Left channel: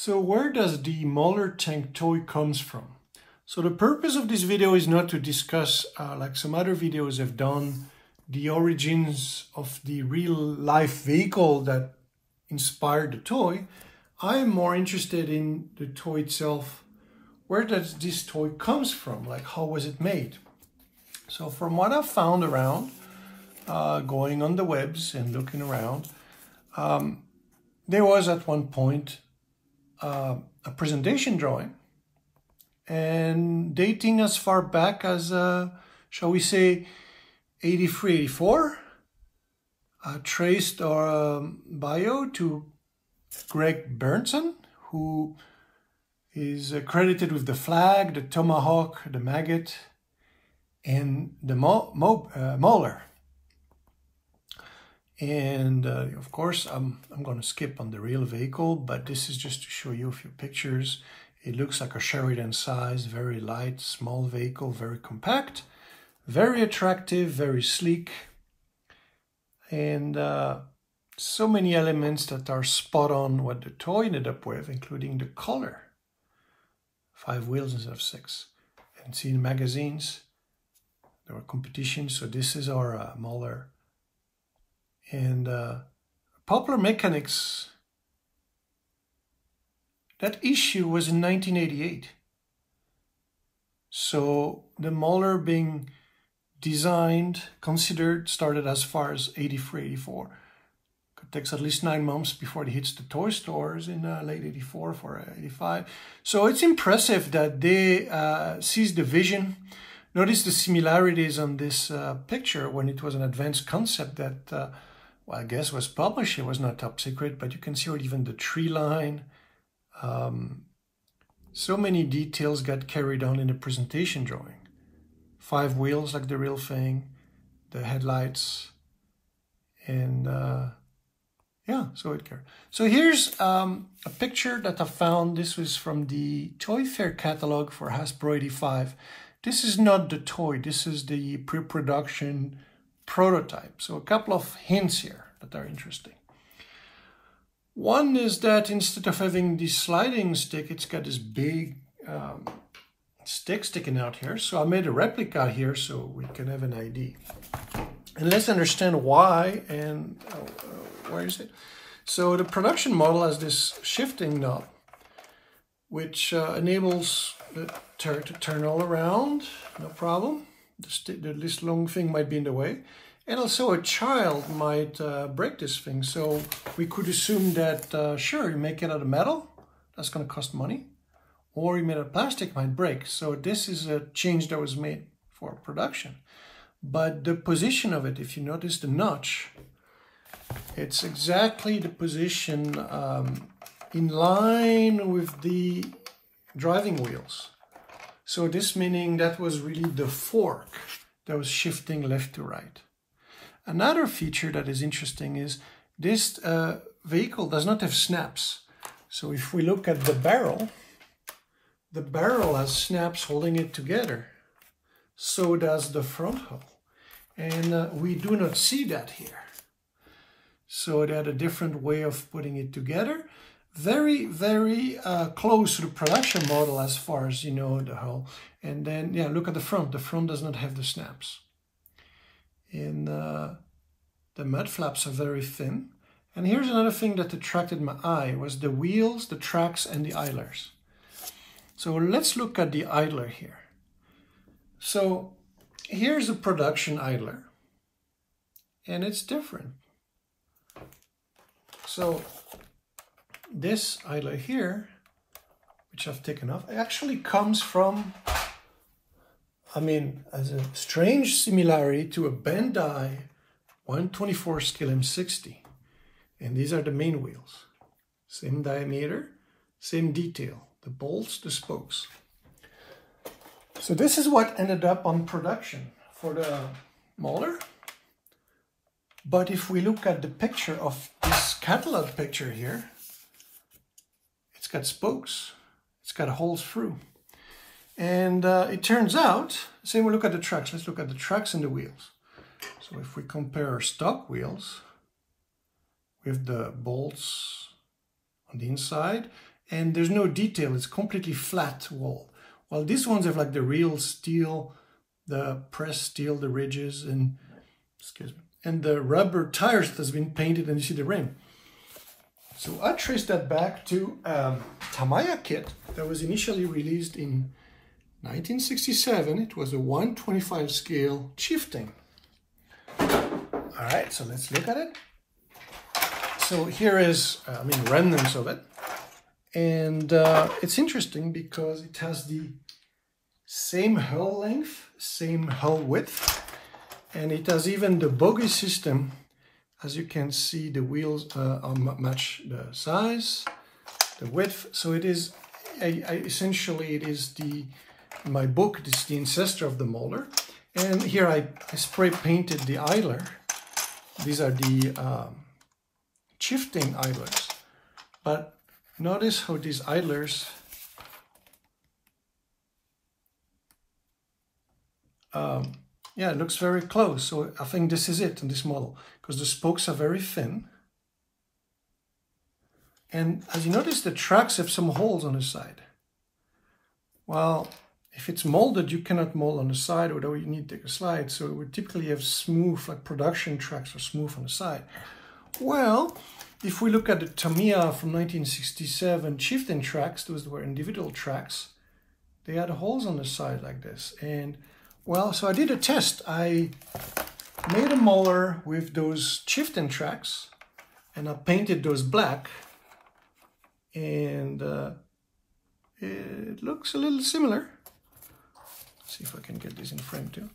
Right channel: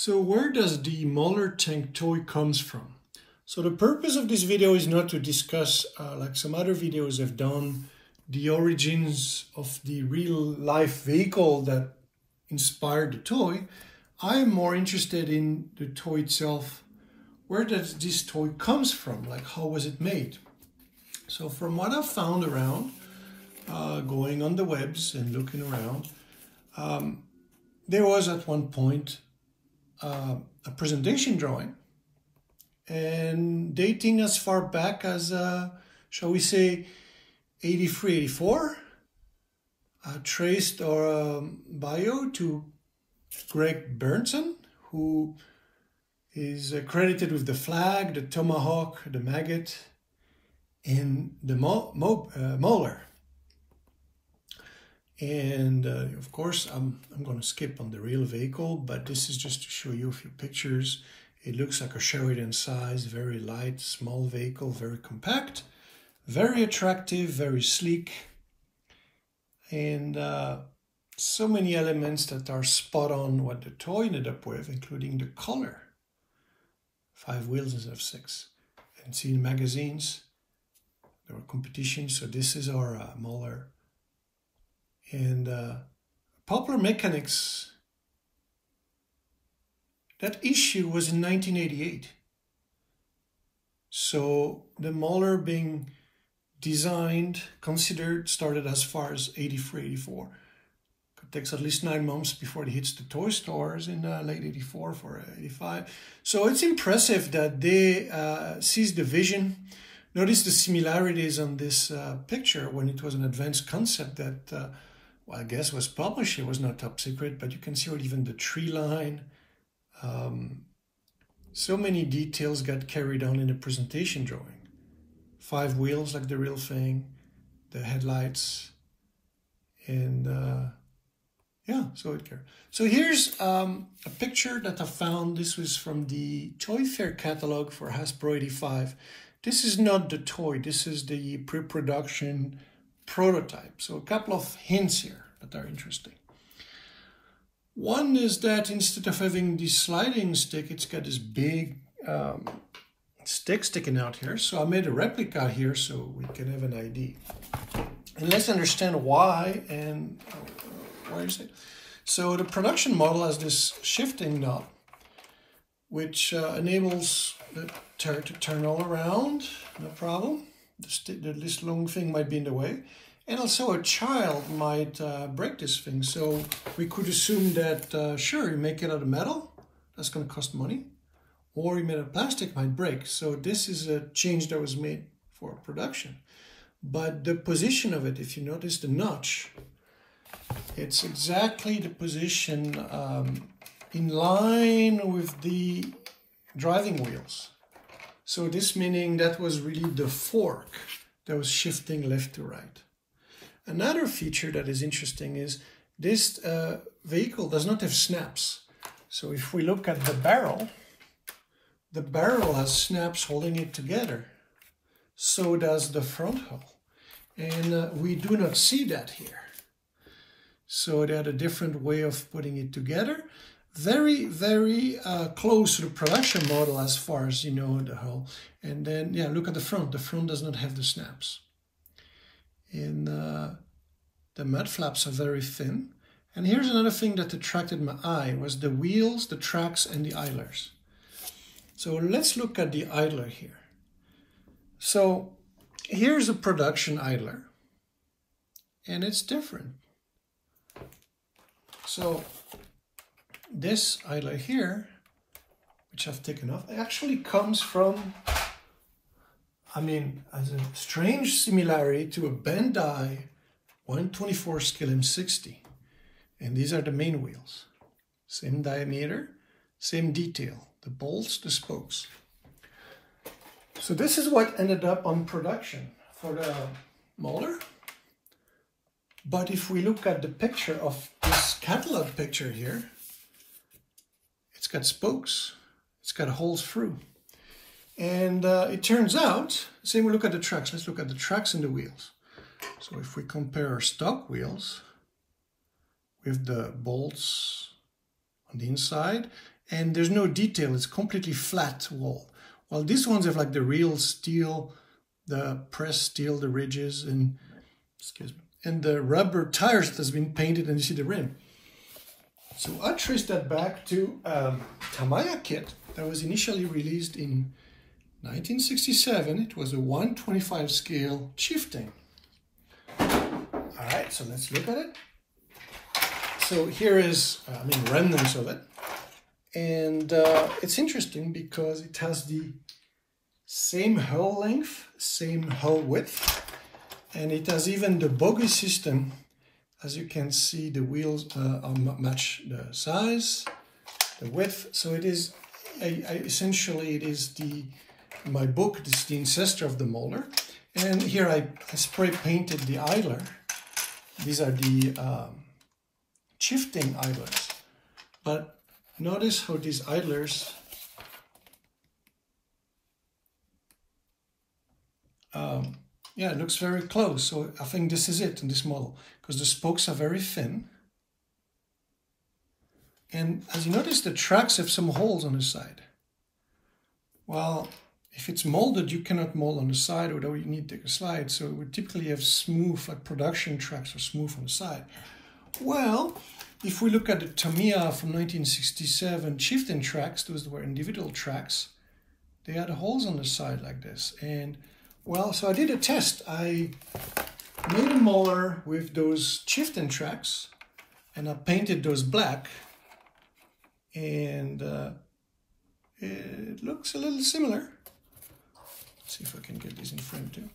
So where does the Mauler tank toy comes from? So the purpose of this video is not to discuss, like some other videos have done, the origins of the real life vehicle that inspired the toy. I am more interested in the toy itself. Where does this toy comes from? Like, how was it made? So from what I've found around, going on the webs and looking around, there was at one point a presentation drawing, and dating as far back as, shall we say, 83, 84, traced our bio to Greg Bernson, who is credited with the flag, the tomahawk, the maggot, and the Mauler. And of course, I'm going to skip on the real vehicle, but this is just to show you a few pictures. It looks like a Sheridan size, very light, small vehicle, very compact, very attractive, very sleek, and so many elements that are spot on what the toy ended up with, including the color. 5 wheels instead of 6. And see in magazines, there were competitions. So this is our Mauler. And Popular Mechanics, that issue was in 1988. So the Mauler being designed, considered, started as far as 83, 84. It takes at least 9 months before it hits the toy stores in late 84 for 85. So it's impressive that they seized the vision. Notice the similarities on this picture when it was an advanced concept that, well, I guess was published. It was not top secret, but you can see even the tree line. So many details got carried on in the presentation drawing. 5 wheels like the real thing, the headlights, and yeah, so it carried. So here's a picture that I found. This was from the Toy Fair catalog for Hasbro 85. This is not the toy. This is the pre-production prototype. So a couple of hints here that are interesting. One is that instead of having the sliding stick, it's got this big stick sticking out here. So I made a replica here so we can have an idea. And let's understand why and where is it? So the production model has this shifting knob, which enables the turret to turn all around, no problem. This long thing might be in the way. And also a child might break this thing. So we could assume that, sure, you make it out of metal, that's going to cost money. Or you made out of plastic, might break. So this is a change that was made for production. But the position of it, if you notice the notch, it's exactly the position in line with the driving wheels. So this meaning that was really the fork that was shifting left to right. Another feature that is interesting is this vehicle does not have snaps. So if we look at the barrel has snaps holding it together. So does the front hull. And we do not see that here. So they had a different way of putting it together. Very, very close to the production model as far as, you know, the hull. And then, yeah, look at the front. The front does not have the snaps. And the mud flaps are very thin. And here's another thing that attracted my eye was the wheels, the tracks, and the idlers. So let's look at the idler here. So here's a production idler. And it's different. So this idler here, which I've taken off, actually comes from, I mean, as a strange similarity to a Bandai 124 scale M60. And these are the main wheels. Same diameter, same detail. The bolts, the spokes. So this is what ended up on production for the Mauler. But if we look at the picture of this catalog picture here, it's got spokes. It's got holes through. And it turns out, say we look at the tracks. Let's look at the tracks and the wheels. So if we compare our stock wheels with the bolts on the inside and there's no detail. It's completely flat wall. While these ones have like the real steel, the pressed steel, the ridges, and excuse me, and the rubber tires that has been painted, and you see the rim. So I traced that back to Tamiya kit that was initially released in 1967. It was a 1/25 scale Chieftain. All right, so let's look at it. So here is, remnants of it. And it's interesting because it has the same hull length, same hull width, and it has even the bogie system. As you can see, the wheels match the size, the width. So it is, essentially, it is my book, this is the ancestor of the Mauler. And here I spray painted the idler. These are the Chieftain idlers. But notice how these idlers yeah, it looks very close. So I think this is it in this model, because the spokes are very thin. And as you notice, the tracks have some holes on the side. Well, if it's molded, you cannot mold on the side, although you need to take a slide. So we typically have smooth, like production tracks are smooth on the side. Well, if we look at the Tamiya from 1967 Chieftain tracks, those were individual tracks, they had holes on the side like this. And well, so I did a test. I made a Mauler with those Chieftain tracks, and I painted those black, and it looks a little similar. Let's see if I can get this in frame too.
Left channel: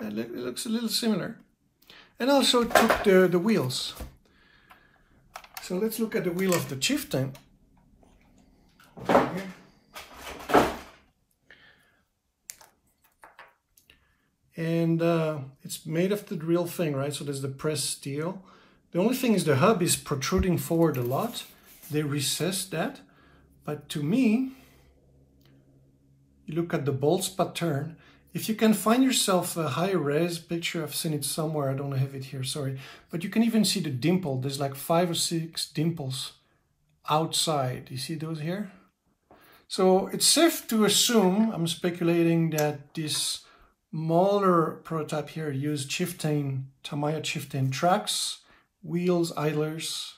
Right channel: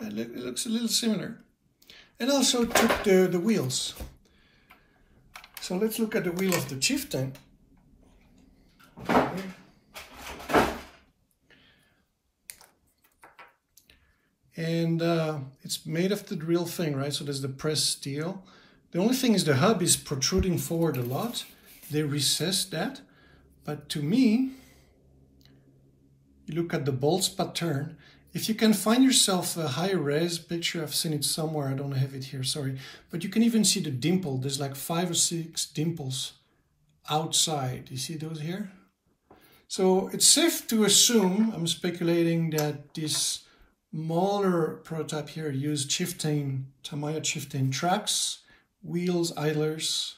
It looks a little similar. And also took the wheels. So let's look at the wheel of the Chieftain. And it's made of the real thing, right? So there's the pressed steel. The only thing is the hub is protruding forward a lot. They recessed that. But to me, you look at the bolts pattern. If you can find yourself a high res picture, I've seen it somewhere, I don't have it here, sorry. But you can even see the dimple. There's like 5 or 6 dimples outside. You see those here? So it's safe to assume, I'm speculating, that this Mauler prototype here used Tamiya Chieftain tracks, wheels, idlers,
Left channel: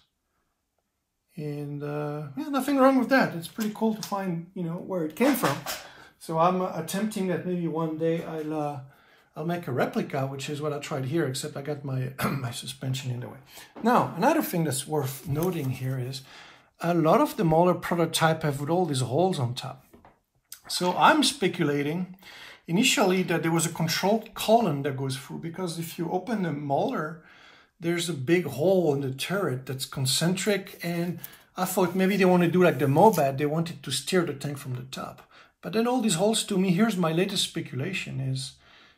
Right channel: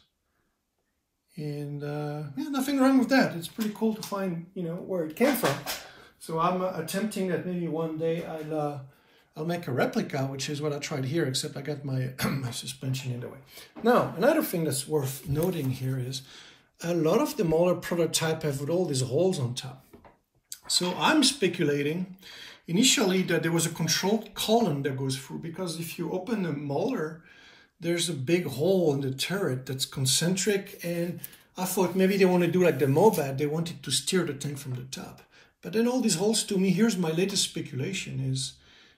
and yeah, nothing wrong with that. It's pretty cool to find, where it came from. So I'm attempting that maybe one day I'll make a replica, which is what I tried here, except I got my my suspension in the way. Now, another thing that's worth noting here is a lot of the Mauler prototype have with all these holes on top. So I'm speculating initially that there was a controlled column that goes through, because if you open the Mauler, there's a big hole in the turret that's concentric, and I thought maybe they want to do like the Mobad, they wanted to steer the tank from the top. But then all these holes, to me, here's my latest speculation, is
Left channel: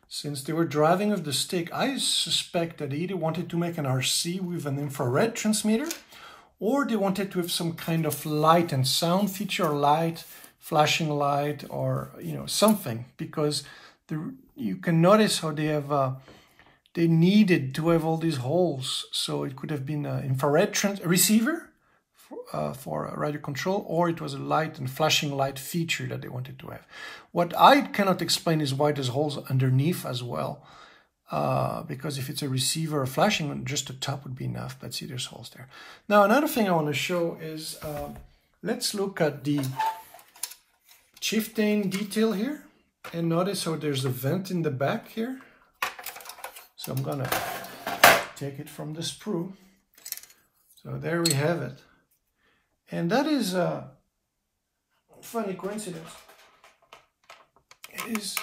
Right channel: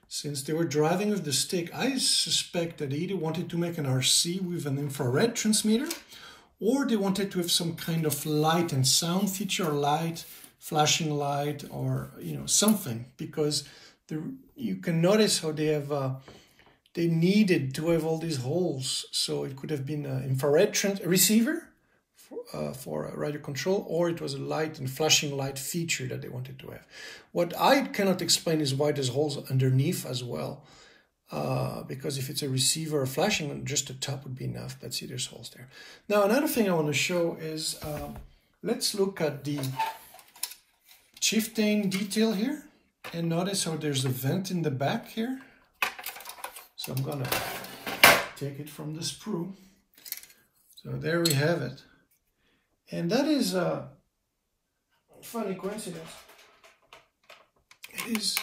since they were driving with the stick, I suspect that they either wanted to make an RC with an infrared transmitter, or they wanted to have some kind of light and sound feature, or light, flashing light, or something, because you can notice how they have they needed to have all these holes. So it could have been an infrared receiver for radio control, or it was a light and flashing light feature that they wanted to have. What I cannot explain is why there's holes underneath as well, because if it's a receiver or flashing, just the top would be enough, but see, there's holes there. Now, another thing I want to show is, let's look at the Chieftain detail here, and notice how there's a vent in the back here. So I'm gonna take it from the sprue. So there we have it. And that is a funny coincidence. It is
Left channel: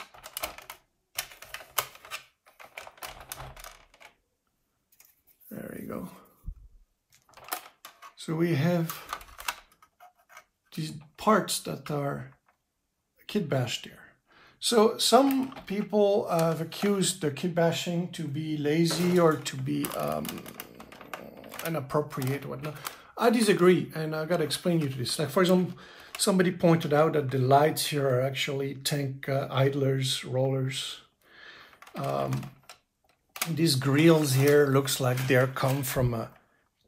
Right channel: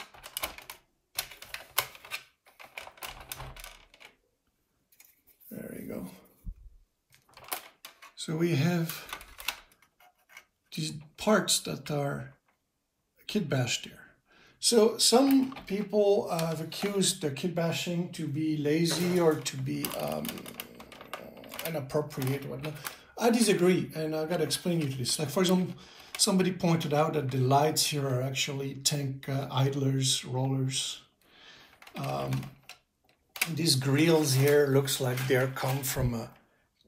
there you go. So we have these parts that are kitbashed there. So some people have accused the kitbashing to be lazy or to be inappropriate or whatnot. I disagree, and I gotta explain you this. Like, for example, somebody pointed out that the lights here are actually tank idlers, rollers. These grills here looks like they're come from a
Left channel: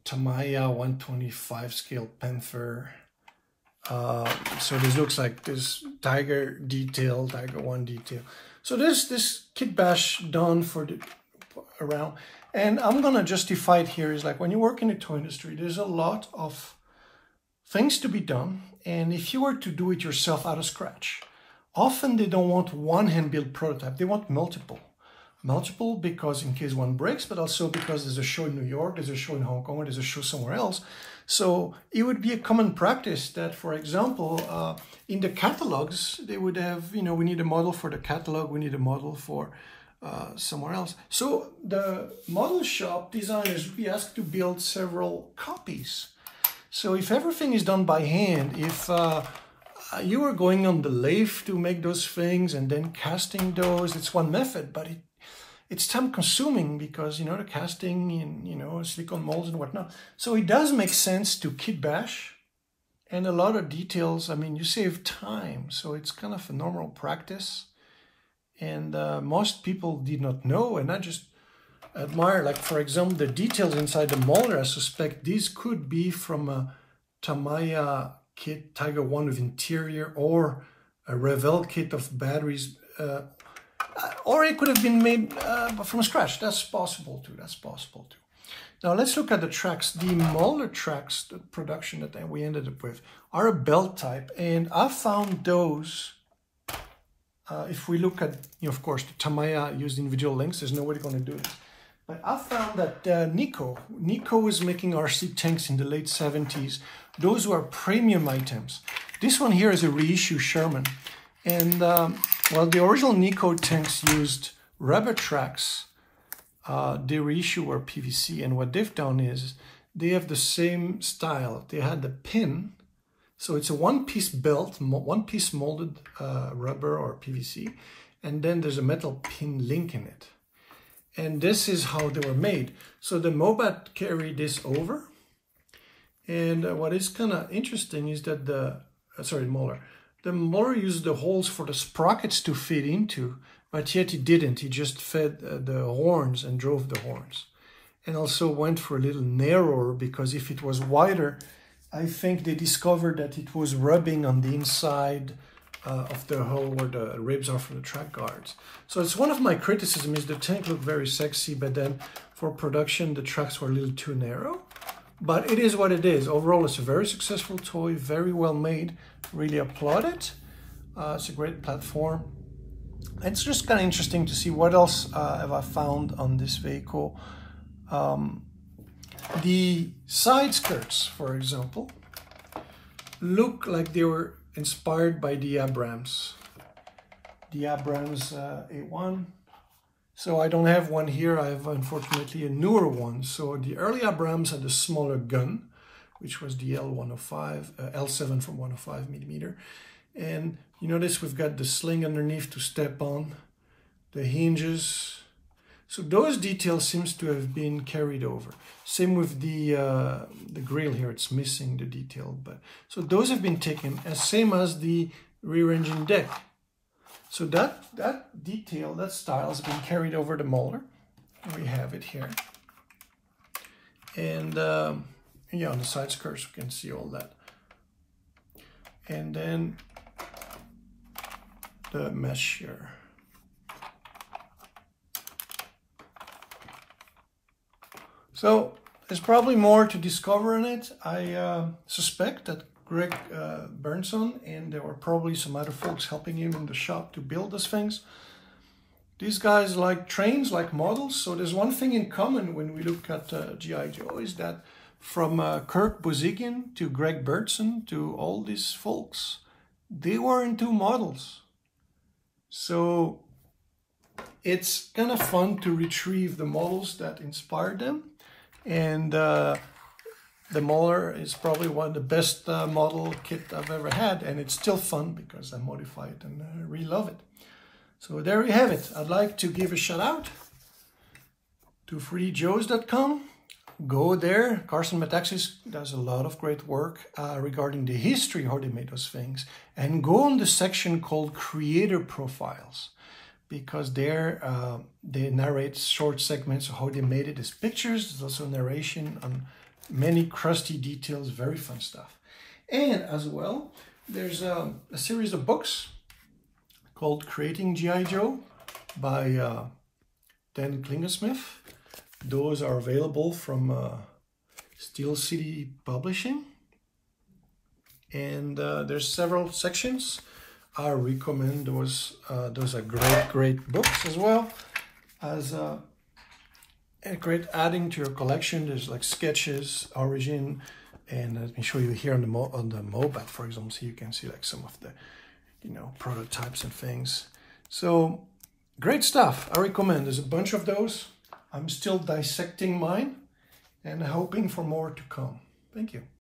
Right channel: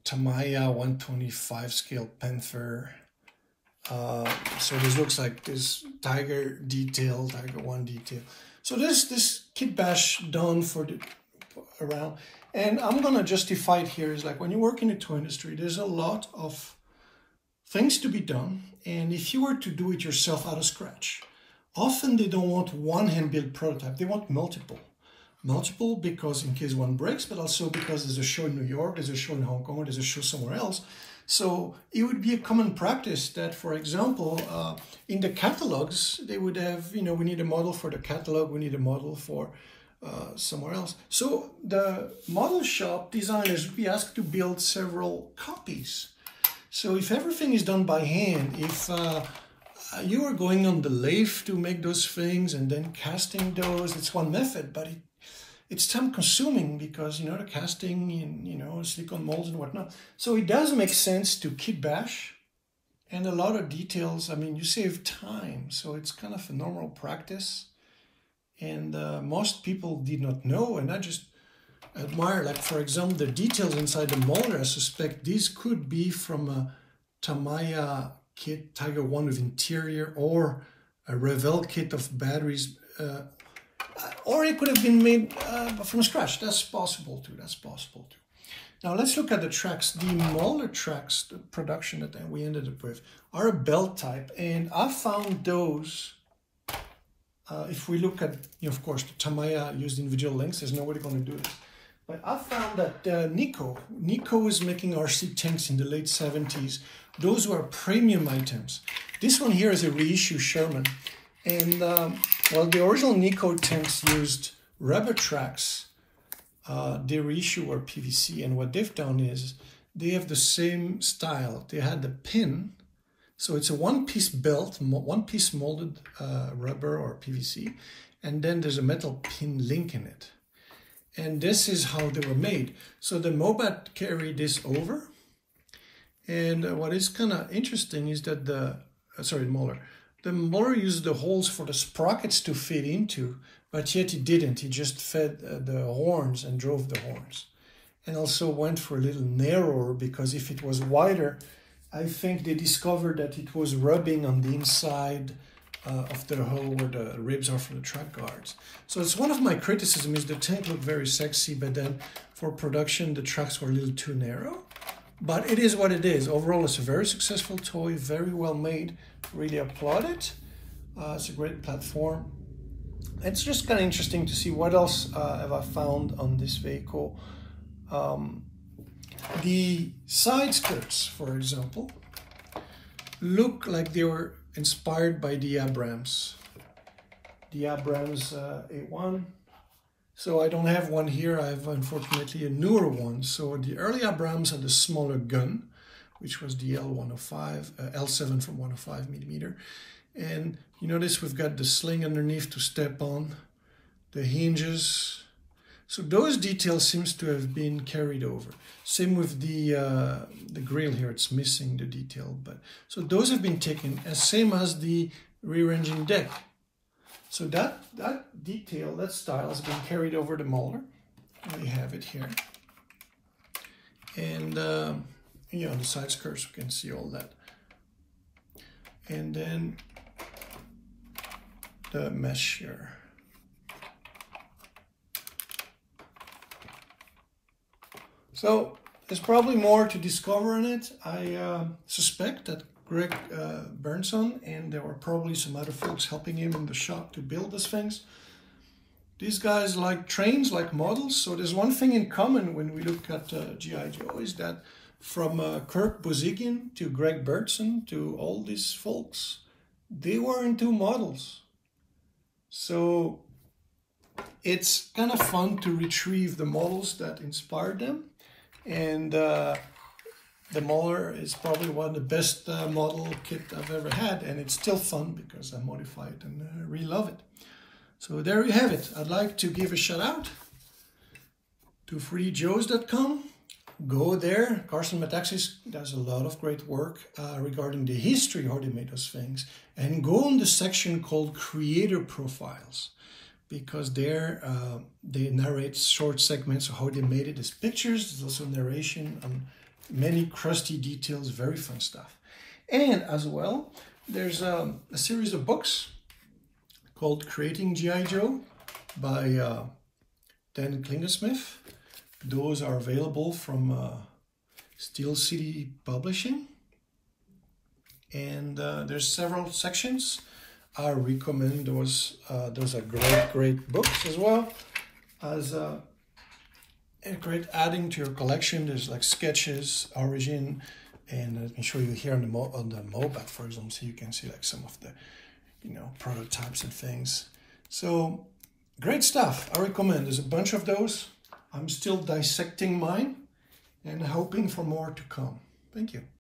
Tamiya 1/25 scale Panther. So this looks like this tiger detail, tiger one detail. So this Kitbash done for the around, and I'm gonna justify it here is like when you work in the toy industry, there's a lot of things to be done, and if you were to do it yourself out of scratch, often they don't want one hand-built prototype, they want multiple. Multiple because in case one breaks, but also because there's a show in New York, there's a show in Hong Kong, or there's a show somewhere else. So it would be a common practice that, for example, in the catalogs, they would have, you know, we need a model for the catalog, we need a model for somewhere else. So the model shop designers would be asked to build several copies. So if everything is done by hand, if you are going on the lathe to make those things and then casting those, it's one method, but it's time consuming because, you know, the casting in, you know, silicone molds and whatnot. So it does make sense to kitbash, and a lot of details, I mean, you save time. So it's kind of a normal practice. And most people did not know, and I just admire, like, for example, the details inside the Mauler. I suspect these could be from a Tamiya kit, Tiger 1 with interior, or a Revell kit of batteries, or it could have been made from scratch. That's possible too. That's possible too. Now let's look at the tracks. The Mauler tracks, the production that we ended up with, are a belt type, and I found those. If we look at, you know, of course, the Tamiya used individual links. There's no way they're going to do this. But I found that Nico was making RC tanks in the late 70s. Those were premium items. This one here is a reissue Sherman. And, well, the original Nico tanks used rubber tracks. The reissue were PVC. And what they've done is they have the same style. They had the pin. So it's a one-piece belt, one-piece molded rubber or PVC. And then there's a metal pin link in it. And this is how they were made. So the Mobat carried this over. And what is kind of interesting is that the Mauler used the holes for the sprockets to fit into, but yet he didn't. He just fed the horns and drove the horns. And also went for a little narrower, because if it was wider, I think they discovered that it was rubbing on the inside of the hole where the ribs are for the track guards. So it's one of my criticisms is the tank looked very sexy, but then for production, the tracks were a little too narrow. But it is what it is. Overall, it's a very successful toy, very well made. Really applaud it. It's a great platform. It's just kind of interesting to see what else have I found on this vehicle. The side skirts, for example, look like they were inspired by the Abrams. The Abrams A1. So I don't have one here. I have, unfortunately, a newer one. So the early Abrams had a smaller gun, which was the L105, L7 from 105 millimeter. And you notice we've got the sling underneath to step on, the hinges. So those details seems to have been carried over. Same with the grill here, it's missing the detail. But so those have been taken, as same as the rear engine deck. So that detail, that style has been carried over the Mauler. We have it here. And yeah, on the side skirts, you can see all that. And then the mesh here. So there's probably more to discover in it. I suspect that Greg Burnson, and there were probably some other folks helping him in the shop to build these things. These guys like trains, like models. So there's one thing in common when we look at G.I. Joe is that from Kirk Bozigian to Greg Burnson to all these folks, they were into models. So it's kind of fun to retrieve the models that inspired them. And the Mauler is probably one of the best model kit I've ever had, and it's still fun because I modify it and I really love it. So there you have it. I'd like to give a shout out to 3djoes.com. Go there. Carson Metaxas does a lot of great work regarding the history how they made those things. And go on the section called Creator Profiles, because there they narrate short segments of how they made it as pictures. There's also narration on many crusty details, very fun stuff. And as well, there's a series of books called Creating G.I. Joe by Dan Klingesmith. Those are available from Steel City Publishing. And there's several sections. I recommend those. Those are great books as well. As a great adding to your collection, there's like sketches, origin, and I can show you here on the moped, for example, so you can see like some of the, you know, prototypes and things. So great stuff. I recommend. There's a bunch of those. I'm still dissecting mine and hoping for more to come. Thank you.